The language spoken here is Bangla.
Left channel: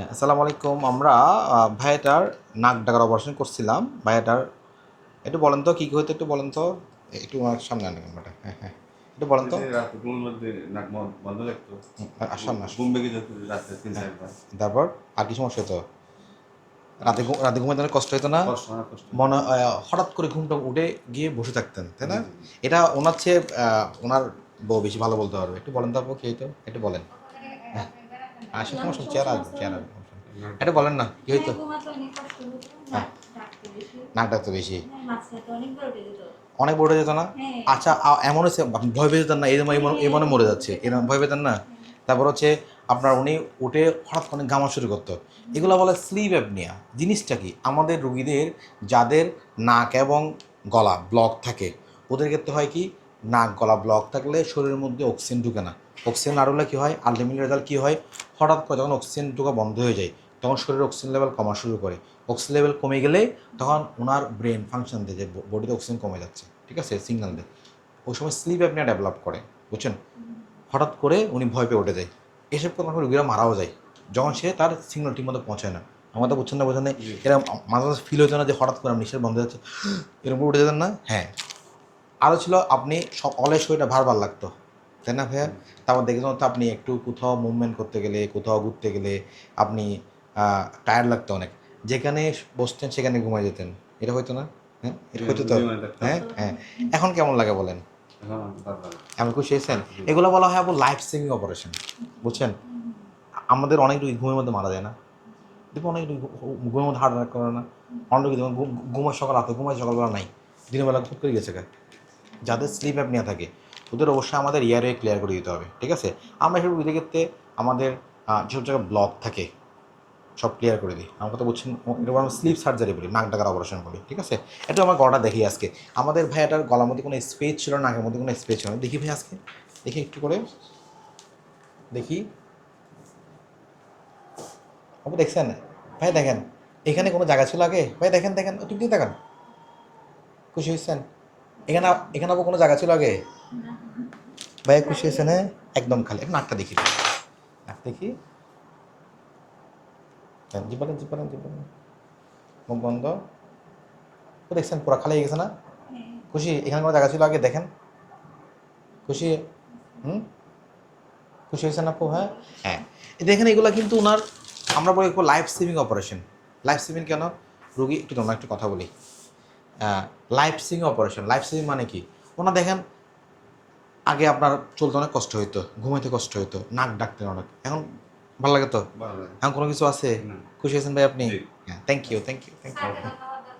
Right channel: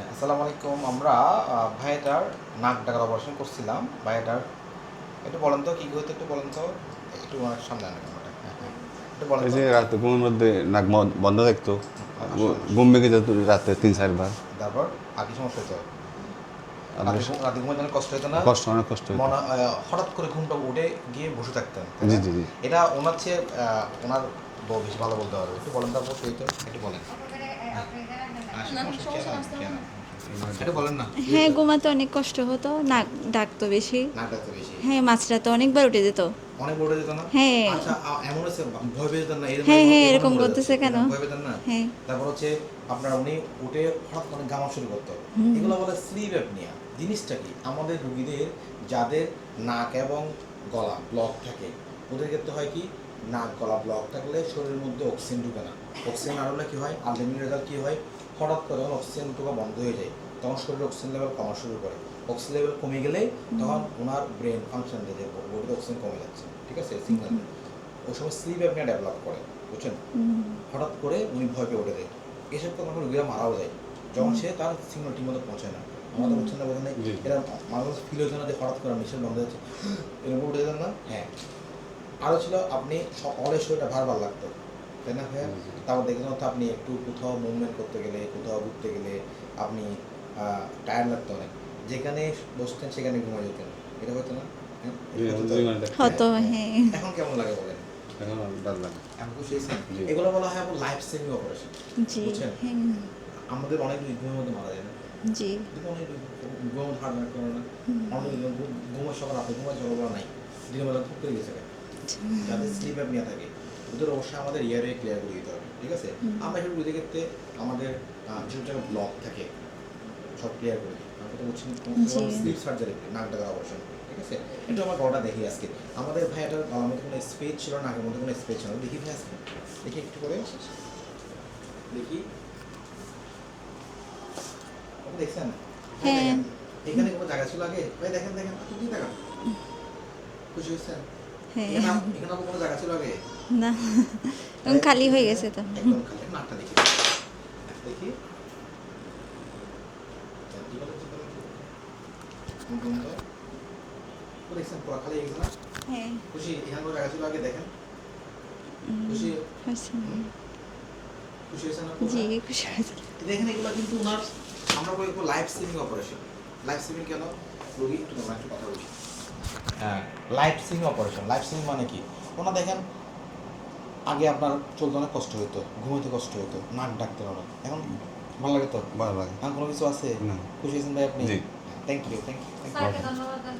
আসসালামু আলাইকুম আমরা ভাইয়াটার নাক ডাকার অপারেশন করছিলাম। ভাইয়াটার একটু বলেন তো কী কী হতো একটু বলেন তো? একটু ওনার সামনে আনেন ক্যামেরাটা হ্যাঁ হ্যাঁ একটু বলেন যে রাতে ঘুমের মধ্যে নাক বন্ধ থাকতো। ঘুম ভেঙে যেত রাতে তিন চারবার। তারপর আর কি সমস্যা হতো রাতে রাতে ঘুমাতে কষ্ট হতো না? কষ্ট অনেক কষ্ট মনে হঠাৎ করে ঘুমটা উঠে গিয়ে বসে থাকতেন এটা ওনার চেয়ে ওনার বউ বেশি ভালো বলতে পারবে। একটু বলেন তারপর হইতো? একটু বলেন। হ্যাঁ। এটা বলেন না হ্যাঁ ঘুমাতে অনেক কষ্ট হতো নাক ডাকতো বেশি। নাক ডাকতো বেশি। হ্যাঁ অনেকবার উঠে যেত। অনেক বড় যেত না? হ্যাঁ। আচ্ছা এমন হচ্ছে ভয় না হ্যাঁ, হ্যাঁ, এমন এরকম মরে যাচ্ছে এরকম ভয় পেতেন না? হ্যাঁ। তারপর হচ্ছে আপনার উনি উঠে হঠাৎ করে গামা শুরু করতো। এগুলো বলে স্লিপ অ্যাপনিয়া জিনিসটা কি? আমাদের রুগীদের যাদের নাক এবং গলা ব্লক থাকে ওদের ক্ষেত্রে হয় কি? নাক, গলা ব্লক থাকলে শরীরের মধ্যে অক্সিজেন ঢুকে না। অক্সিজেন না ঢুকলে কী হয়? আলটিমেট রেজাল্ট কী হয়? হঠাৎ করে যখন অক্সিজেন ঢোকা বন্ধ হয়ে যায়, তখন শরীরের অক্সিজেন লেভেল কমা শুরু করে। অক্সিজেন লেভেল কমে গেলে তখন ওনার ব্রেন ফাংশন দেয় যে বডিতে অক্সিজেন কমে যাচ্ছে, ঠিক আছে? দেয়। ওই সময় স্লিপ অ্যাপনিয়া ডেভেলপ করে, বুঝছেন? হঠাৎ করে উনি ভয় পেয়ে উঠে যায়। এসব করে রুগীরা মারাও যায়। যখন সে তার সিগন্যাল ঠিক মতো পৌঁছায় না। আমাদের বুঝছেন না বোঝেন না এরকম মাঝে মাঝে ফিল হতো না যে হঠাৎ করে নিঃশ্বাস বন্ধ যাচ্ছে। এরকম উঠে যেতেন না? হ্যাঁ। আরও ছিল আপনি সব অলের শরীরটা ভার ভার লাগতো। তাই না ভাইয়া? তারপর দেখেছেন হয়তো আপনি একটু কোথাও মুভমেন্ট করতে গেলে কোথাও ঘুরতে গেলে আপনি টায়ার লাগতো অনেক। যেখানে বসতেন সেখানে ঘুমাই যেতেন। এটা হয়তো না? হ্যাঁ? হয়তো তো? হ্যাঁ, হ্যাঁ। হ্যাঁ? এখন কেমন লাগে বলেন? এখন খুশি হয়েছেন এগুলো বলা হয় আবার লাইফ সেভিং অপারেশন বুঝছেন? হ্যাঁ, আমাদের অনেক রোগী ঘুমের মধ্যে মারা যায় না। জি। দেখো অনেক রোগী ঘুমের মধ্যে হার্ট অ্যাটাক করে না। অনেক ঘুমের সকাল আছে ঘুমের সকালবেলা নাই। দিনের বেলা খুব করে গেছে। যাদের স্লিপ অ্যাপনিয়া থাকে ওদের অবশ্যই আমাদের ইয়ারে ক্লিয়ার করে দিতে হবে ঠিক আছে? আমরা এসব রোগীদের ক্ষেত্রে আমাদের যেসব জায়গায় ব্লক থাকে সব ক্লিয়ার করে দিই। আমরা তো বলছি স্লিপ সার্জারি করি নাক ডাকার অপারেশন করি ঠিক আছে? এটা আমার গলাটা দেখি আজকে। আমাদের ভাই এটার গলার মধ্যে কোনো স্পেস ছিল না নাকের মধ্যে কোনো স্পেস ছিল না? দেখি ভাই আজকে। দেখি একটু করে। দেখি। আপনি দেখছেন? ভাই হ্যাঁ। দেখেন। এখানে কোনো জায়গা ছিল আগে? ভাই দেখেন দেখেন একটু দিয়ে দেখান। খুশি হয়েছেন? হ্যাঁ এখানে এখানে আবার কোনো জায়গা ছিল আগে? না। খালি খুশি হয়ে গেছে তো। হ্যাঁ? একদম খালি। এখন নাকটা দেখি। দেখি হ্যাঁ, মুখ বন্ধ। ও দেখছেন পুরো খালি হয়ে গেছে না? হ্যাঁ। খুশি? এখানে কোনো জায়গা ছিল আগে? দেখেন। খুশি। হুম? খুশি হয়েছেন আপু হ্যাঁ। হ্যাঁ দেখেন এগুলো কিন্তু ওনার আমরা বলি life saving operation life saving কেন? রুগী একটু তোমরা একটু কথা বলি। Life saving operation life saving মানে কি? ওনার দেখেন আগে আপনার চলতে অনেক কষ্ট হইতো ঘুমাইতে কষ্ট হইতো নাক ডাকতে অনেক। এখন ভালো লাগে তো? ভালো লাগে। এখন কোনো কিছু আছে? না। খুশি আছেন ভাই আপনি? জি। Thank you thank you thank you